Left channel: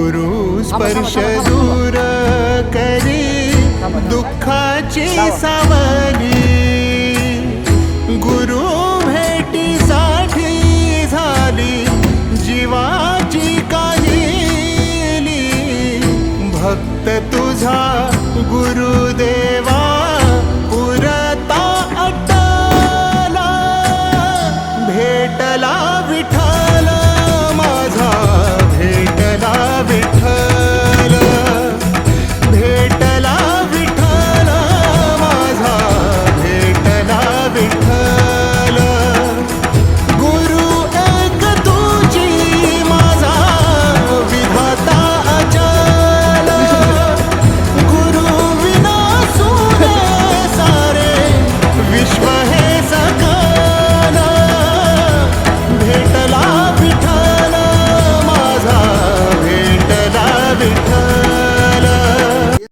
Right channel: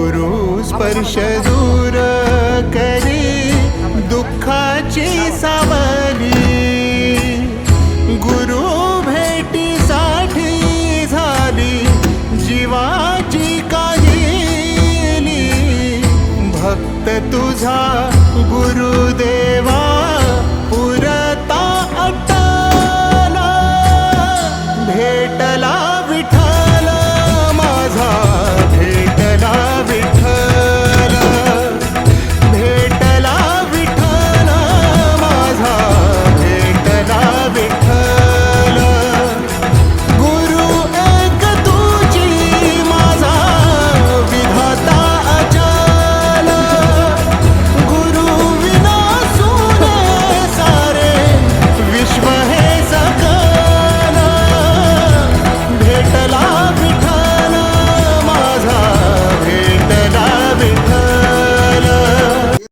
गुरु स्पर्श दूर करी दुःखाची सावली, गुरु भेटीसाठी झाली जीवाची काहिली। भक्त तुझा गुरुदेवा पुरता अटला, भेटला विठ्ठल माझा, भेटला विठ्ठल, भेटला विठ्ठल माझा, भेटला विठ्ठल। गुरु एक तुझी माझा विधाता अचल, गुरु विना सुने सारे विश्व हे सकल। भेटला विठ्ठल माझा, भेटला विठ्ठल।